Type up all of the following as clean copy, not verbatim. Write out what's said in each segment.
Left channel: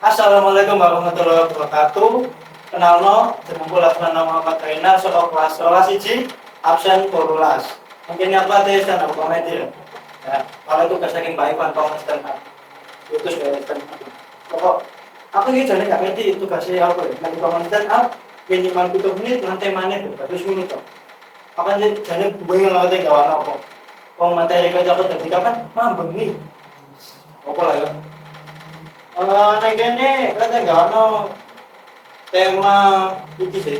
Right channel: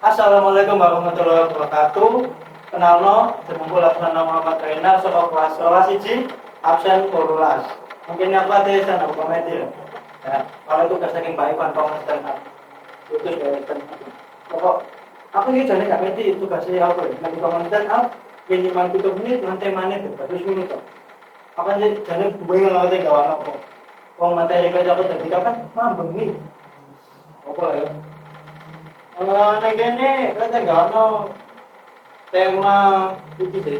Assalamualaikum warahmatullahi wabarakatuh. Kenalno, jenengku Laksmana Muhammad Reina, saka kelas 11 absen 12. Mungkin apa teh stand up comedy. Ya, kalau tugas saking baik kan kau stand up. Putus dari stand up. Pokok aku ini jane gak ngerti tugasnya apa ya. Nanti kau stand up minimal 7 menit nanti mana tuh, terus menit kok. Akan jane bingung ngerti gawan apa. Wong materi kerja aku tadi kapan? Mambeng nih. Apa lah ya? Nek kene kan enggak ono tema iki sih.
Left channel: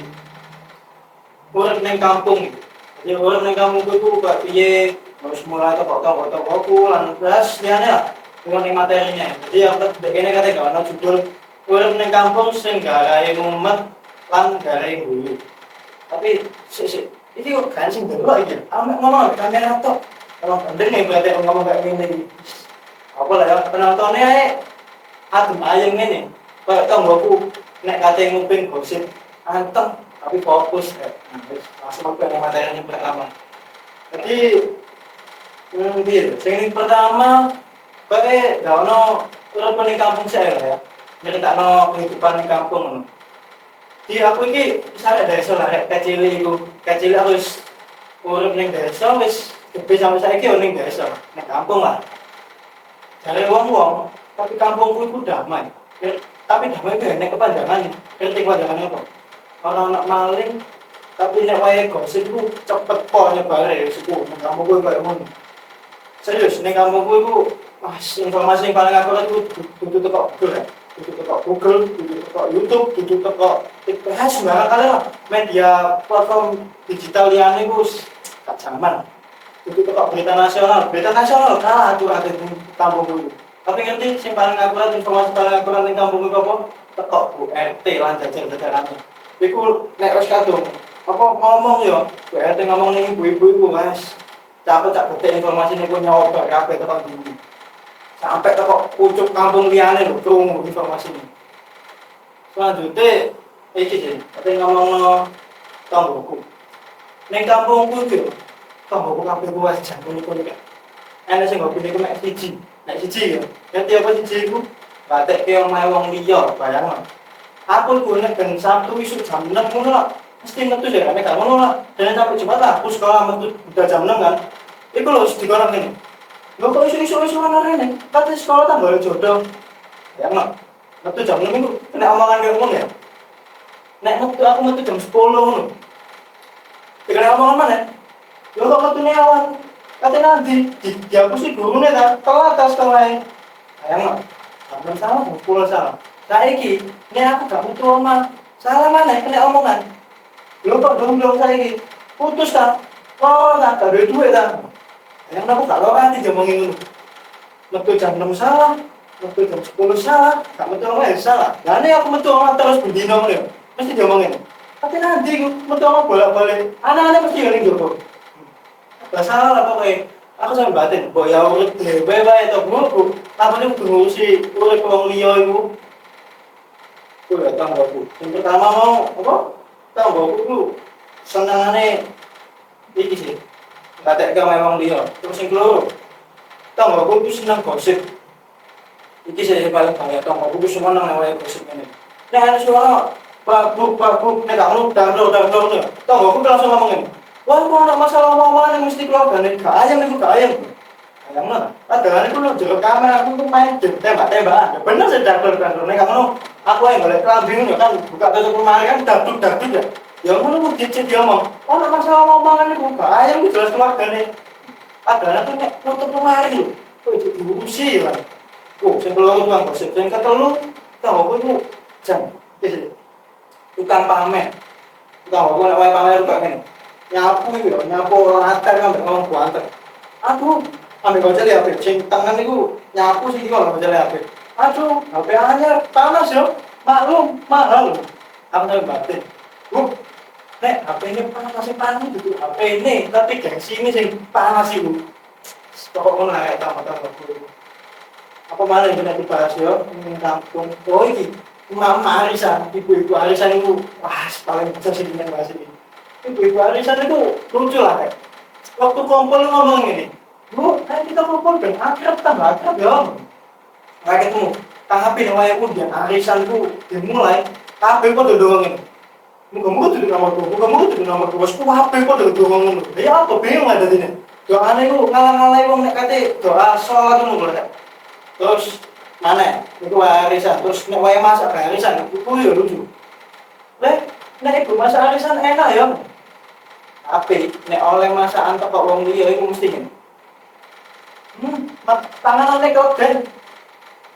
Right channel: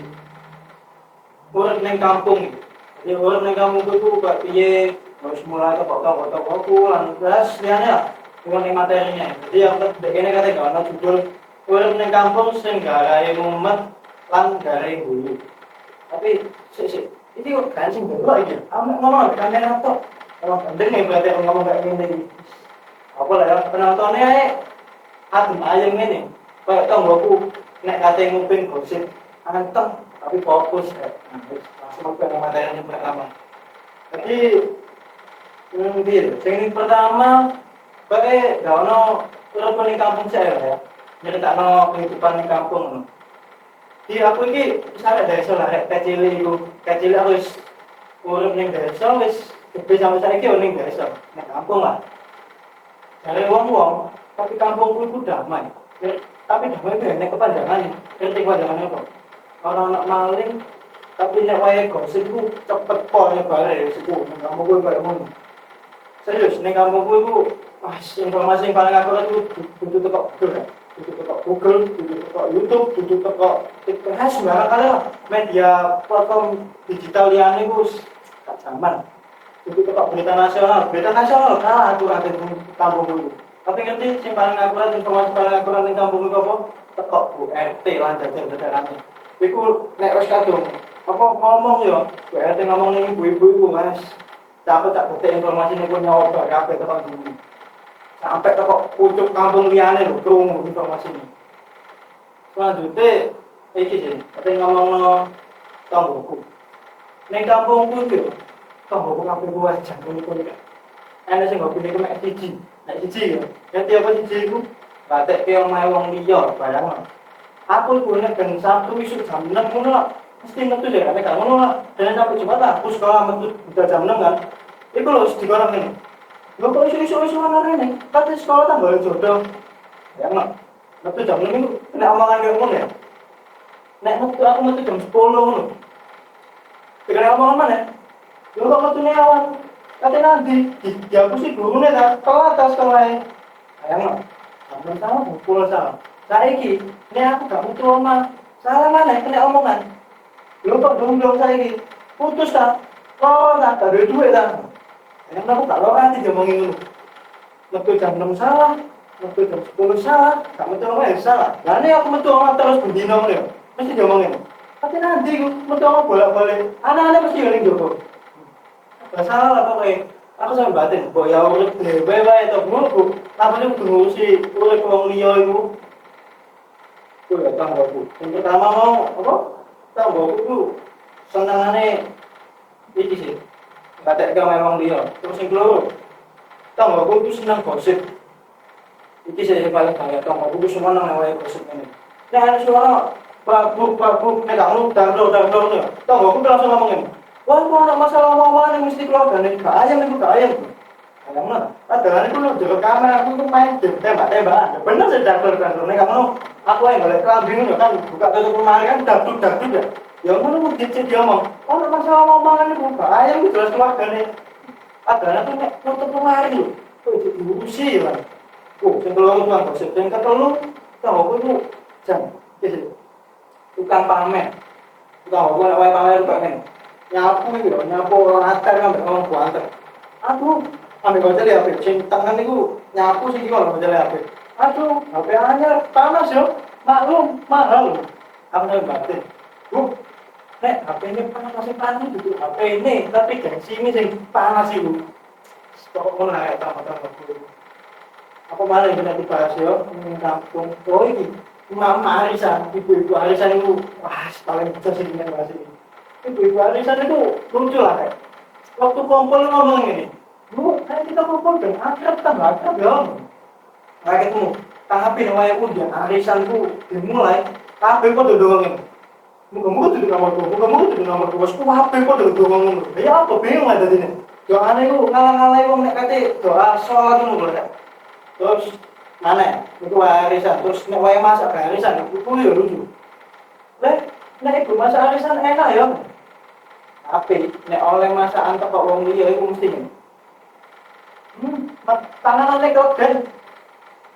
Urip ning kampung. Jadi urip ning kampung itu kok piye harus mulai toko-toko lan terus liyane lah. Bukan ning materinya. Jadi yang kene kate enggak ono judul urip ning kampung sing garae mumet lan garae guyu. Tapi sik iki kok kan sing delok iki. Amek ngomong kamera tok. Kalau ndeng berarti ngomong kayak gini. Apa lah ya penontonnya adem ayem ngene. Kayak tanggoku nek kate nguping gosip anteng tapi fokus kayak langsung ke materinya pertama. Jadi piye? Sing pertama bae gak ono urip ning kampung saya ya. Nyeritakno kehidupan ning kampung ngono. Di aku iki misalnya desa lah kecil iku. Kecil aku wis urip ning desa wis gede sampai saiki yo ning desa, ning kampung lah. Jare wong-wong tapi kampungku itu damai. Tapi damai itu nek kepanjangan, ngerti kepanjangannya apa? Orang anak maling, tapi nek wae gosip ku cepet po nyebare siku. Nang kampungku koyo ngono. Serius, ning kampungku iku informasi yang paling akurat itu dudu teko Google. Dudu teko Google, dudu teko YouTube, dudu teko TikTok, sembarang kali lah. Media platform digital liyane ku gak zaman. Dudu teko berita nasional kalah akurat itu kampungku. Tapi ngerti sing paling akurat informasi paling akurat ning kampung iku apa? Teko Bu RT lan jajar-jajarane. Iku nek wis kadung apa ngomong yo, Bu RT ngomong ning ibu-ibu iku Mas. Cak detik informasi niku nyoba kabeh teko ndi. Sampai teko pucuk kampung liyane lho krungu informasi ini. Selanjutnya iki sih, kate ngomongno tanggoku. Ning kampungku iki yo, tanggoku kabeh kuwi jantung niku nek. Ana sing ngopi niku mek siji. Nek siji ya, ngerti apa siji iku? Batekke omahe wong liya, bayangno. Aku iku nek ben Sabtu isuk jam 6 ngono lah. Mesti metu ya, nek gak ngono lah. Dan sampai Jumat lah, aku sekolah metu udah jam 6 kan. Iku lho dikorong ngene. Lho kok isuk-isuk ana rene? Kate sekolah tambah jodoh. Bayangno. Metu jam 6 iku kena omongan kaya ngono ya. Nek aku metu jam 10 ngono. Dikene omongan mana? Lho kok metune awan? Kate nanti dihapusi gurune ta, telat ta sekolah. Bayangno. Sampeyan salah, pula salah. Saiki, nek aku gak metu omah, salah mana kena omongan. Lho kok dong saiki. Putus ta? Oh, tak ada duit ta. Bayangno aku gak lorati diomongi ngono. Metu jam 6 salah, metu jam 10 salah, gak metu omah salah. Lah nek aku metu omah terus bendino ngono ya, mesti diomongin. Tapi nanti metu omah bolak-balik, anak-anak mesti ngene njoko. Gak salah lah pokoknya. Aku sampe batin, mbok ya urip dhewe wae to Bu. Tapane kudu ngurusi urip wong liya iku. Kuwi ya tanggoku. Yang pertama mau apa? Tanggoku ku senengane iki sih. Katek gawe wong liya. Terus sing keloro, tanggoku ku seneng gosip. Iki sih paling banyak tanggoku ku seneng nek wae gosip ngene. Nek ana suara babuk, nek gak ngono dangdut. Tanggoku langsung ngomongin. Wah, kalau ada masalah omongan yang mesti keluarga nih, gak ayam itu gak ayam. Ayam mana? Padahal itu lo jaga kamera, aku tuh main tembak-tembakan. Ya bener sih dangdut. Nek kamu aku yang golek kelambing kan buka tutup lemari kan dangdut ya. Ya kamu mau dicet dia ngomong, oh ada masalah omongan itu gak ayam itu jelas keluarga nih. Padahal aku nek tutup lemari lo, kok jadi diurusi ya kan. Yang kedua itu kan gosip, yang ketelu, tahu aku itu jam, tukang pamer. Tukang aku nek wae pamer kok ngene. Nyapu latar kan ngomong buanter. Aduh, ambil baca lihat HP, sing tangan niku nyapu sing kok baca lihat HP. Aduh, HP anyar panas yo. Maklum, mahal. Aku sampe batin. Bu, nek HP ini panas itu HP ini, tapi gengsi ini sing panas iku. Pokok ngono lah tamat-tamat. Apa malah yang benar dibahas yo, ning kampung. Oh iki, mama arisan, ibu-ibu arisan iku wah paling bisa sih dengan bahas ini. Ibu-ibu arisan itu lucu lah kayak waktu kumpul ngomong ini, Bu, kayak kita kumpul dan akrab tambah akrab ya. Kayak ketemu, Tapi nek wae undian arisanku dimulai, kabeh padha ndongeng. Muga-muga dudu nomorku, muga-muga dudu nomorku. Wes kabeh padha ndongeng ngono. Ya apa bingung lah dadine. Doane iku ngalah-ngalahi wong nek kate doa salat ngono lho. Terus mana? Iku arisan, terus nek wae masak arisan iku yo lucu. Leh, nek ibu masak arisan enak ya. Tapi nek oleh masakan teko wong liya iku mesti ngene. Panganane kok ben.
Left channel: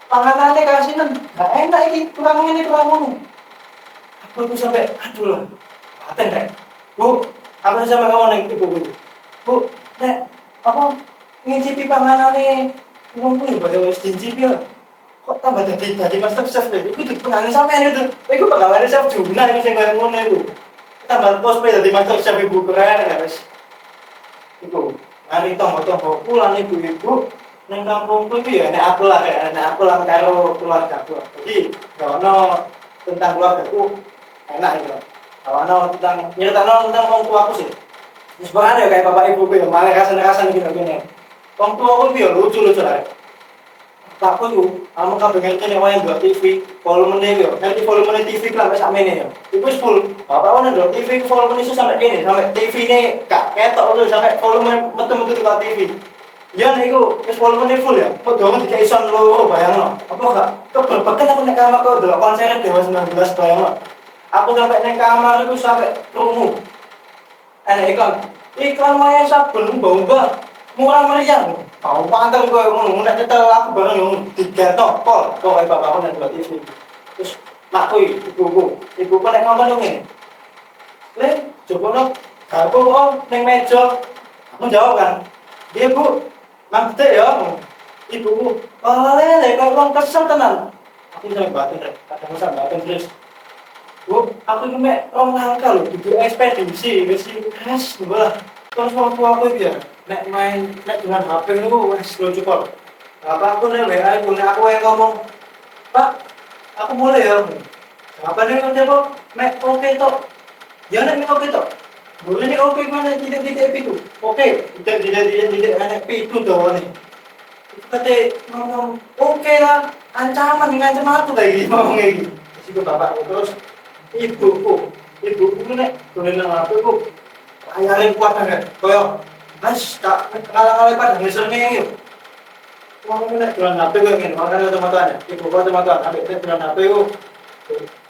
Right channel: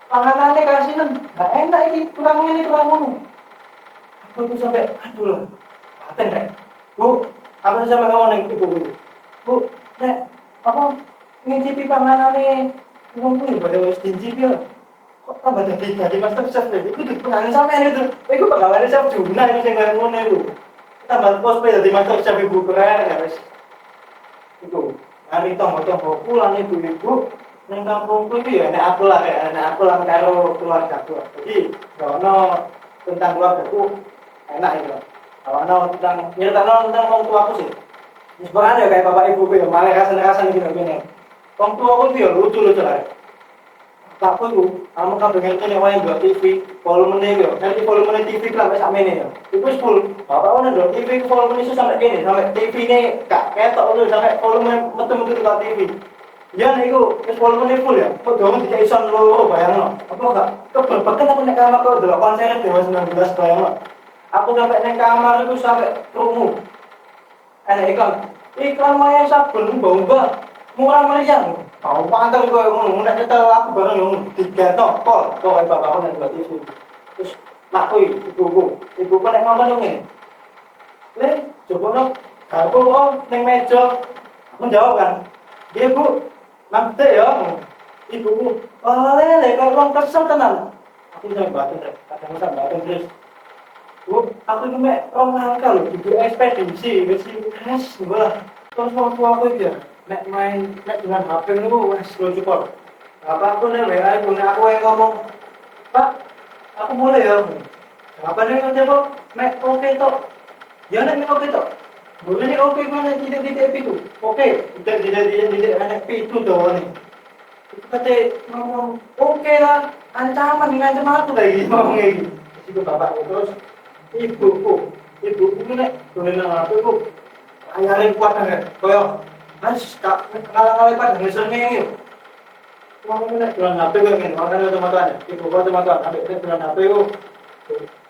Panganane kasinan. Gak enak iki, kurang ngene kurang ngono. Aku tuh sampai aduh lah. Paten rek. Bu, aku sampai ngomong ning ibu. Bu, nek apa ngicipi panganane wong kuwi padha wis dincipi ya. Kok tambah dadi master chef lho. Iku dipengaruhi sampean itu. Iku bakal ada chef Juna iki sing kaya ngono iku. Tambah cosplay dadi master chef ibu keren ya wis. Iku nari tonggo-tonggo pulang ibu-ibu ning kampungku iki ya nek aku lah karo keluargaku. Jadi ono tentang keluargaku enak itu. Ono tentang nyeritakno tentang wong tuaku sih. Wis ya kayak bapak ibuku ya malah rasan-rasan gitu ngene. Wong tuaku iki ya lucu-lucu lah. Takku iku, kamu kabeh ngerti nek wae ndelok TV, volumene yo. Nanti volumene TV sampai sakmene yo. Iku wis full. Bapak ono ndelok TV volumene iso sampai kene, sampai TV-ne gak ketok lho sampai volume metu-metu ke TV. Ya niku wis volumene full ya. Kok dong dikek ison loro bayangno. Apa gak kebebeken aku nek kamar kok ndelok konser Dewa 19 bayangno. Aku sampai ning kamar iku sampai krungu. Iklan wae sabun mbah-mbah murah meriah. Mau pantel gue ngono, nek nyetel aku bareng yo digatok pol, kok wae bapakku nang TV. Terus makku ibuku nek ngomong ngene. Le, jokono garpu kok ning meja. Aku jawab kan. Iya, Bu. Nang gede ya. Ibuku, "Lele, kok wong kesel tenan." Aku sampe batin rek, kadang sampe batin terus. Bu, aku iki mek rong langkah lho, dudu ekspedisi, wis bola. Terus wong tuaku iki ya, nek dengan HP niku wis cukup. Apa aku nek WA iku nek aku yang ngomong, "Pak, aku boleh ya." Apa nek ngerti kok mek oke tok. Ya nek oke tok. Boleh nek oke mana tidak itu. Oke, tidak anak itu doang nih. Kate ngomong, "Oke lah, ancaman ngancam aku kayak gini ngomong kayak gini." Terus bapakku terus ibuku nek dolen nang aku iku ayare kuat banget. Koyo Mas, tak kalah-kalah pada ngeselnya yuk. Ngomong nek dolan HP koyo ngene, makane otomatis ibu kok otomatis ambek dolan HP yuk.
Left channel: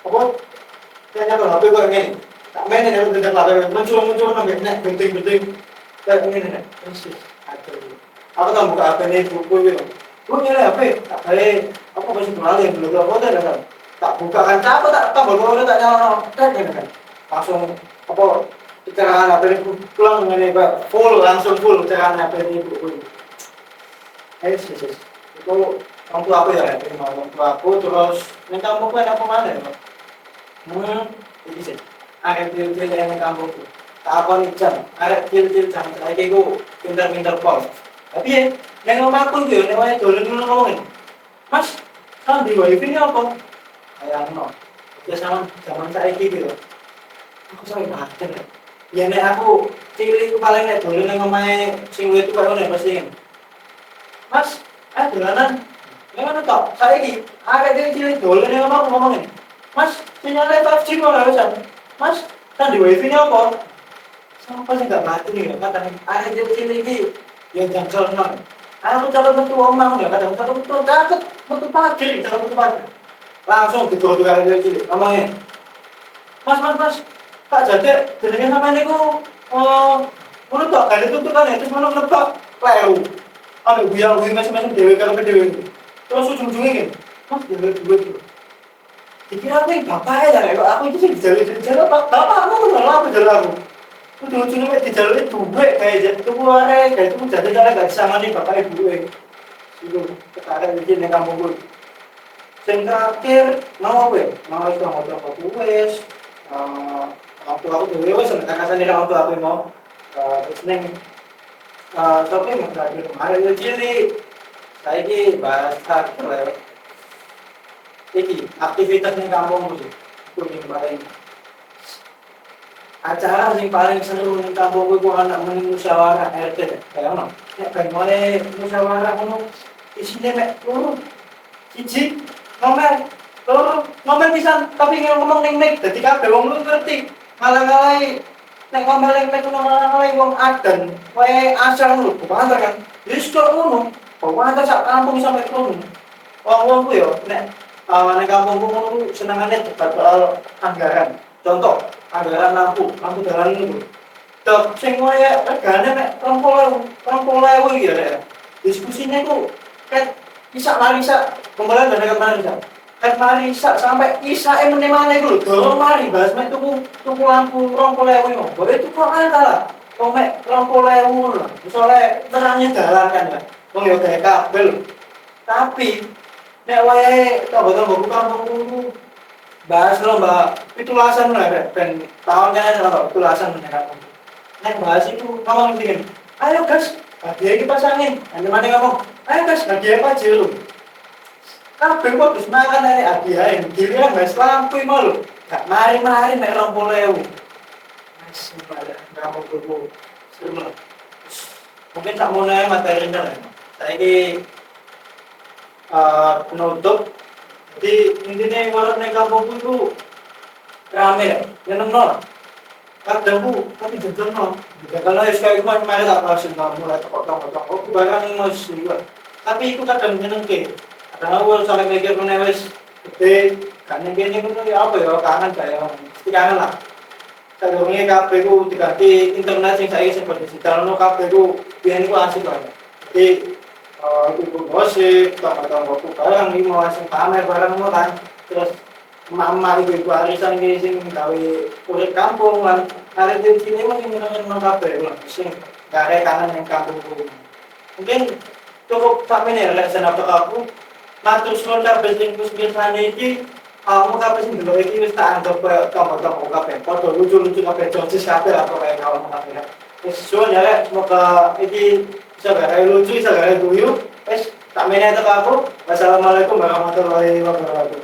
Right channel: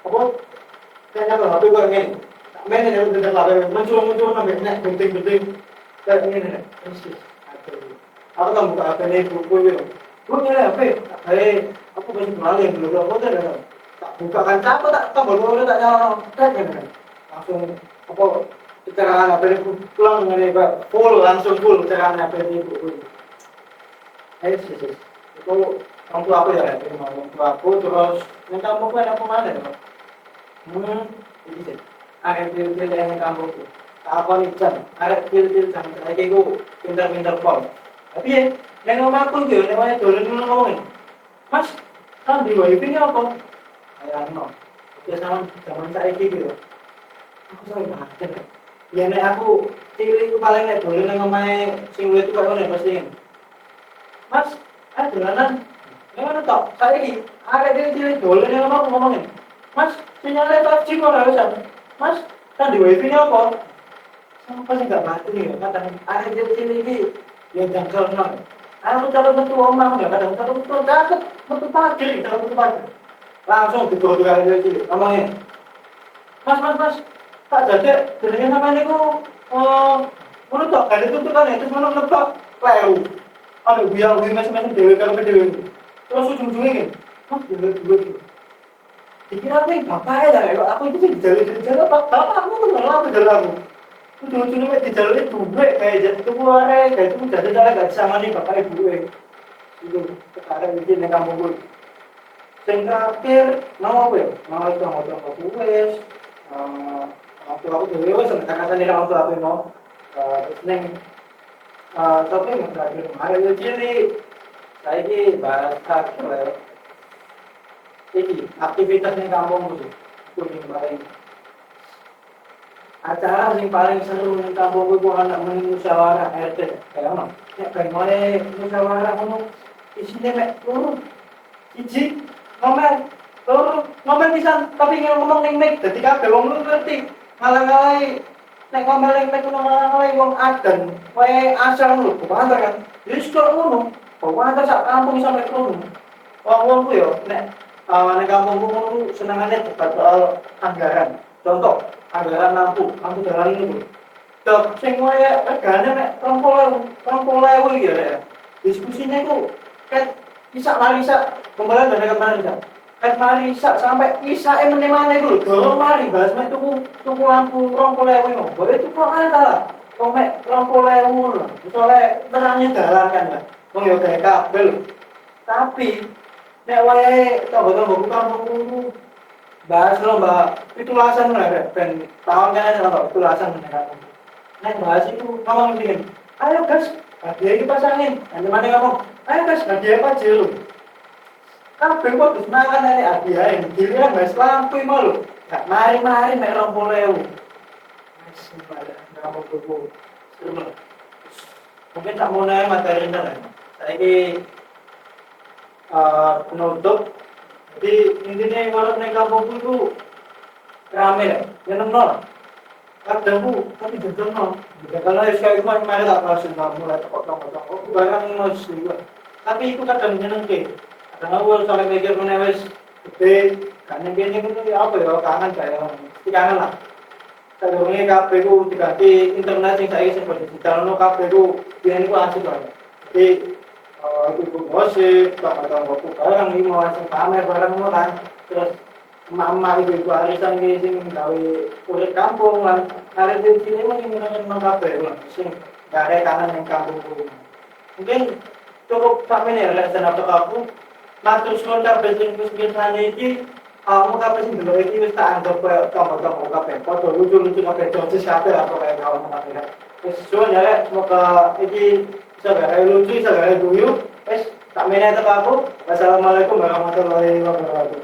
Apa? Kayaknya dolan HP koyo ngene. Tak main nek dolan HP muncul ambek nek penting-penting kayak ngene nek. Persis. Aduh. Aku tak buka HP nih buku itu. Gue nyari HP, tak kayak apa masih kenal yang belum foto ada. Tak buka kan, apa tak tambah gue tak nyala, kan langsung apa pencerahan HP ini pulang dengan ini full langsung full pencerahan HP ini buku. Yes. Itu orang tua aku ya, ini orang tua aku terus minta kamu kan apa mana ya? Ini sih. Ada til-til yang kampungku. Tak apa nih jam, ada til-til jam. Kayak gue pintar-pintar pol. Tapi ya, yang ngomong gitu, yang namanya dolen dulu ngomongin, Mas, kan di wifi ini apa? Kayak no, ya sama zaman saya gitu. Aku sampai bahagia deh. Ya nek aku cilik itu paling nek dolen yang ngomongnya sing itu kayak mana pasti. Mas, dolanan, yang mana toh? Saya ini, ada dia cilik dolen yang ngomongin, Mas, sinyalnya 5G kok nggak bisa. Mas, kan di wifi ini apa? Sama pasti nggak mati nih, kadang ada dia cilik ini. Ya jangkal nang. Aku calon metu omah ya kadang satu metu caket, metu pagi, calon metu pagi. Langsung digowo karo dia cilik. Ngomongnya, Mas, tak jadi jenenge sampeyan niku ngono tok kan itu kan itu ngono nebak kleru. Ada buyang-buyang masing-masing dhewe karo dhewe. Terus ujung-ujungnya gini, Mas dhewe. Dikira aku bapak ya kok aku itu sing dijaluk bapak aku ngono aku jaluk aku. Ujung-ujungnya mek dijaluki duwe kayak itu kuare, kayak itu jadi cara gak disangani bapak ibu itu ketarik iki ning kampungku. Sing terakhir mau apa ya? Mau itu motor aku wis. Waktu aku dhewe wis nek kasane orang tua aku mau. Terus ning sapa yang terakhir kemarin itu cilik. Saiki bahas terakhir. Iki aktivitas ning kampungku sih. Itu ning paling acara yang paling seru ning kampungku iku ana muni musyawarah RT. Kayak ngono. Nek bagaimana musyawarah ngono isine mek loro. Siji ngomel ngomel pisan tapi ngomong ning mik dadi kabeh wong lu ngerti malah ngalahi nek ngomel ning mik ngalahi wong adan wae asal lu banter kan wis kok ngono banter sak kampung sampe ngono wong-wong ku yo nek nek kampungku ngono ku senengane debat soal anggaran contoh anggaran lampu dalan niku dok sing wae regane nek 20.000 iki ya diskusine ku kan bisa marisa kembali dari kemarin kan marisa sampai isa meneh-meneh iku lho dorong mari bahas mek tuku lampu 20.000 boleh tuku ana lah kok mek 20.000 lho misale terangnya dalan kan ya wong yo gawe kabel tapi nek wae tonggo-tonggo kampungku bahas lomba pitulasan lah ben tahun kan lomba pitulasan meneh nek bahas itu ngomong dingin ayo guys hadiah iki pasangin ane mana ngomong ayo guys hadiah apa aja lu kabeh kok wis mangan nek hadiah giliran guys lampu mau lho gak mari-mari nek 20.000 wis pada kamu kudu seru mungkin tak mau nanya materinya lah saiki penutup jadi intinya warung nek kampungku itu rame ya nyenengno kadangku tapi jujurno kalau sekali kemarin tak pasien mulai toko barang mas juga tapi itu kadang nyenengke kadang aku sampai mikir menewes gede kan ini pun apa ya kangen kayak kangen lah sebelumnya kabeh ku diganti internet sing saiki sing digital no kabeh ku biyen iku asik lah jadi itu gosip tambah-tambah barang iki mau sing pamer barang ngono kan terus mama ibu arisan iki sing gawe urip kampung lan arek di sini mungkin nyeneng kabeh lho sing gare kanan ning kampungku mungkin cukup sampe nih lek senapa aku matur suwun kabeh sing wis ngrasani iki kamu kabeh sing delok iki wis tak anggap koyo tombol-tombol kabeh padha lucu-lucu kabeh jocis kabeh apa kaya kawan kabeh wis suwun ya lek semoga iki bisa gawe lucu bisa gawe guyu wis tak meneh tek aku wassalamualaikum warahmatullahi wabarakatuh